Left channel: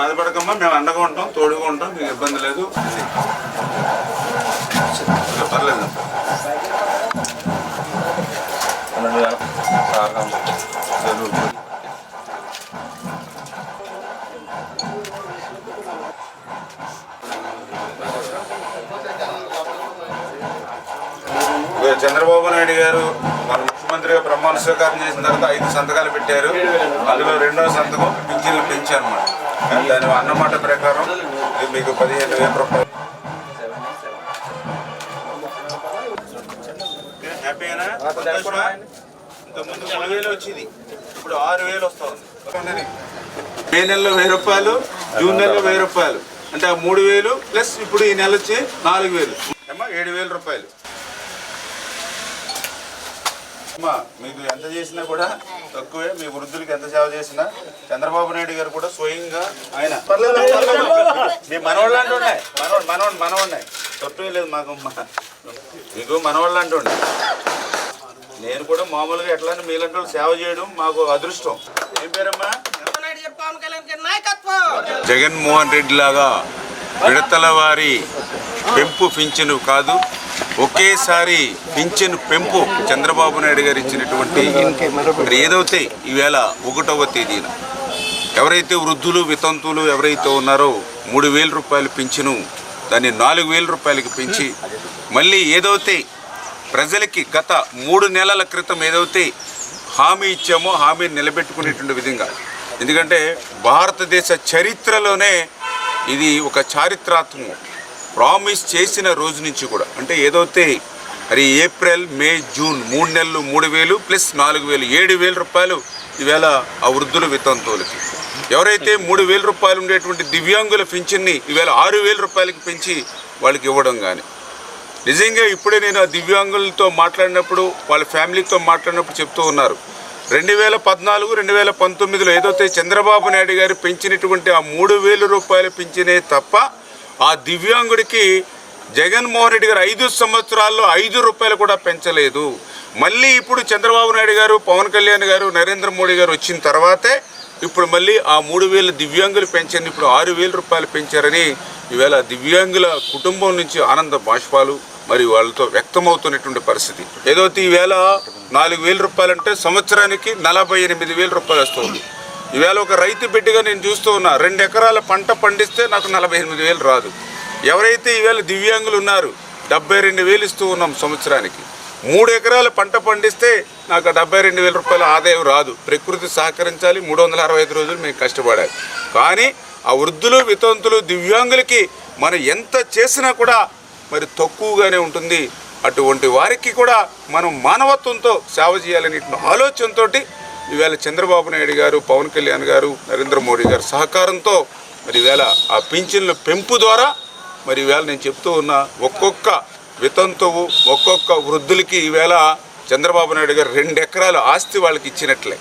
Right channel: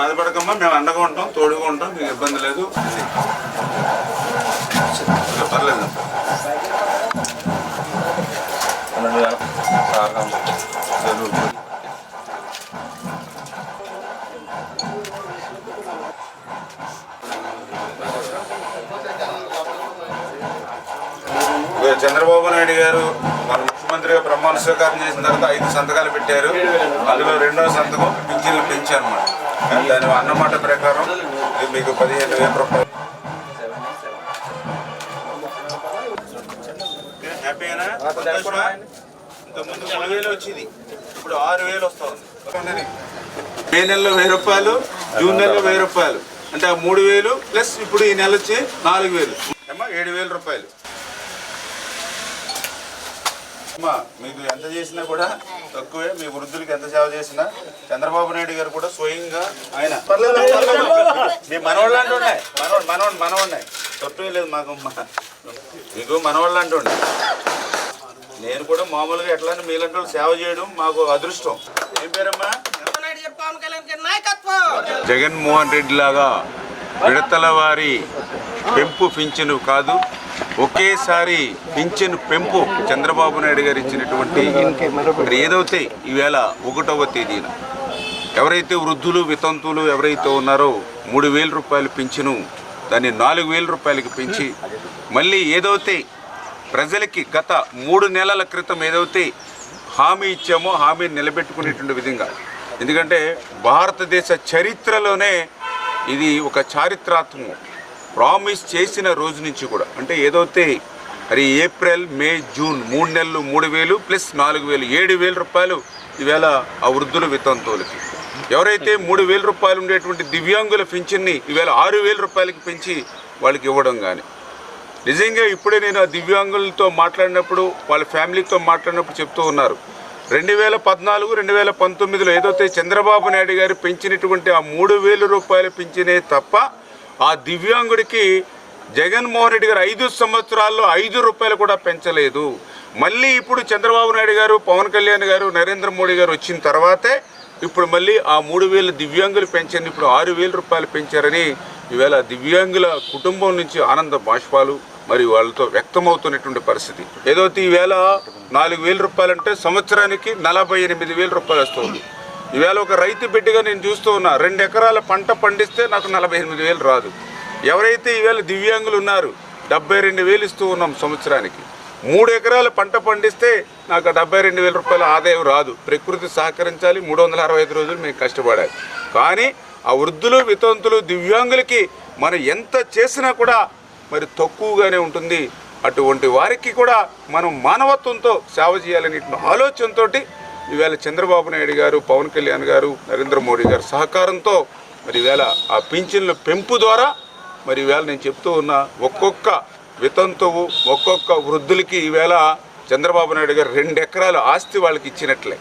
బాధపడకమ్మా మేము అండగా ఉంటాం తోడుగా ఉంటాం మీకు ఇబ్బంది లేదు. పర్లేదు. చంద్రబాబు నాయుడు గారు మన ముఖ్యమంత్రిగా ప్రమాణ స్వీకారం చేసిన తర్వాత ఐదు సంతకాలు పెట్టారు. అందులో రెండవ సంతకం పింఛన్లు పెంచారు అన్నమాట. దాని అన్నమాట ప్రకారం మీకు పదిహేను వేల రూపాయలు. హ్యాపీనా సంతోషమా? ఇంతకుముందు మూడు వేలు వచ్చింది. ఇప్పుడు ఆరు వేలు మే నెలలో వెయ్యి రూపాయలు జూన్ నెలలో వెయ్యి రూపాయలు. అంటే ఆ మూడు వేలు ప్లస్ ఇప్పుడు ఈ నెల వచ్చి నాలుగు వేలు. అమ్మా ఏడు వేల రూపాయలు. అమ్మా మీకు ఎంత చేసినా కూడా తక్కువే. మీ వృద్ధులకి ఎంత సేవ చేసినా చంద్రబాబు నాయుడు గారు కూడా స్వయంగా ఆయన. మీ మనవాళ్ళు అంటూ ఉన్నాయి. మనవాడు మనవాడు మనవాడినాయి తప్పే లేదు మాకు మ- మీకు మనవాళ్ళు అంటూ ఉన్నాయి. నేను కూడా మామూలుగా ఎట్లా మీలాంటి సేవ చేయడం మాకు అదృష్టం. ఏం పేరమ్మా? జగన్మోహన్ రెడ్డి లాగా విడతల వారి పెంపు పింఛను కాదు ఒకేసారి పింఛను పెంపు చంద్రబాబు నాయుడు గారు ఇచ్చినటువంటి ఏదైతే ఈవేళ ఒకటవ తేదీన ఎవరైతే వృద్ధులు వితంతువులు ఎవరైతే ఉన్నారో మూడు వేల రూపాయలు పింఛను దాన్ని నాలుగు వేల రూపాయలకి పెంచి మళ్ళీ ఏదైతే ప్రజలకి గత మూడు నెలల క్రితం ఏదైతే హామీ ఇచ్చామో హామీ నిలబెట్టుకునేటువంటి విధంగా. ఎందుకంటే భారతదేశ చరిత్రలోనే ఇది ఒక చారిత్రాత్మకం. ప్రామిస్ చేసిన రోజు నుంచి కూడా అంటే ఏదైతే మరి ఏప్రిల్ మే జూన్ మూడు నెలలు మూడు వేలు ప్లస్ నాలుగు వేలు ఏడు వేల రూపాయలు ఈవేళ ఆ వృద్ధుల వితంతువులకి. ఎవరైతే మూడు వేల రూపాయలు ఉండేటువంటి దివ్యాంగుల పింఛన్ని ఈవేళ ఆరు వేల రూపాయలకి పెంచి వాళ్ళకి ఇవ్వడం కానీ నిజంగా ఇప్పుడే నేను ఆ దివ్యాంగులతో మాట్లాడినప్పుడు వాళ్ళ ఫ్యామిలీతో మాట్లాడినప్పుడు చెప్తూ ఉన్నారు. రెండు వేల పద్నాలుగు రెండు వేల పంతొమ్మిదిలో ఏదైతే చంద్రబాబు నాయుడు గారు పెంచినటువంటి ఆ మూడు వేల రూపాయలు పెంచినే తప్ప ఆ దివ్యాంగుడికి జగన్మోహన్ రెడ్డి గారు ఐదు సంవత్సరాల్లో ఐదు రూపాయలు కూడా పెంచలేదు. మళ్ళీ ఇప్పుడు చంద్రబాబు నాయుడు గారు పవన్ కళ్యాణ్ గారు నరేంద్ర మోడీ గారు వచ్చిన తర్వాతే ఇప్పుడు మళ్ళీ ఆ మూడు వేలు దివ్యాంగులు పెంచండి ఇప్పుడు ఆరు వేల రూపాయలు పెంచారని ఈవేళ దివ్యాంగుల కుటుంబం నుంచి ఆనంద బాష్పాలు మరి వాళ్ళతో వ్యక్తమవుతున్నటువంటి పరిస్థితి. ఏదైతే ఈవేళ నాలుగు వేల రూపాయలు అంటే సంవత్సరానికి నలభై ఎనిమిది వేల రూపాయలు వస్తుంది. ఈవేళ ఒక రైతు బిడ్డగా నేను చూస్తూ ఉన్నా రెండు ఎకరాల పంట పండిస్తే నాకు నలభై ఎనిమిది వేలు రాదు. ఎవరైతే ఈవేళ దివ్యాంగులు ఉన్నారు డెబ్బై రెండు వేలు ఇస్తూ ఉన్నాం సంవత్సరానికి. మూడు ఎకరాల పంట పండిస్తే నాకు డెబ్బై రెండు వేల రూపాయల ఆదాయం రాదు. ప్రకృతి సహకరించాలి మూడు వందల అరవై ఐదు రోజులు మేము కష్టపడాలి. కానీ ఆ వృద్ధులు వితంతులు దివ్యాంగులకి మనం ఎంత చేసినా కూడా మరి తక్కువగానే ఉంటుంది. అటువంటి వారికి కూడా మనం మానవత్వంతో సేవ చేయాలనే ఆలోచనతోటి ఈవేళ చంద్రబాబు నాయుడు గారు పవన్ కళ్యాణ్ గారు నరేంద్ర మోడీ గారు సహకారంతో మరి ఈవేళ ఆ పింఛన్ల పెంపు ద్వారా మరి ఈవేళ నేను చెప్తూ ఉన్నా ఒక్కొక్క వితంతువు ఒక్కొక్క వృద్ధులకి ఈవేళ చంద్రబాబు నాయుడు గారు రెండు ఎకరాల ఆస్తి వాళ్ళకి ఇచ్చినట్లే.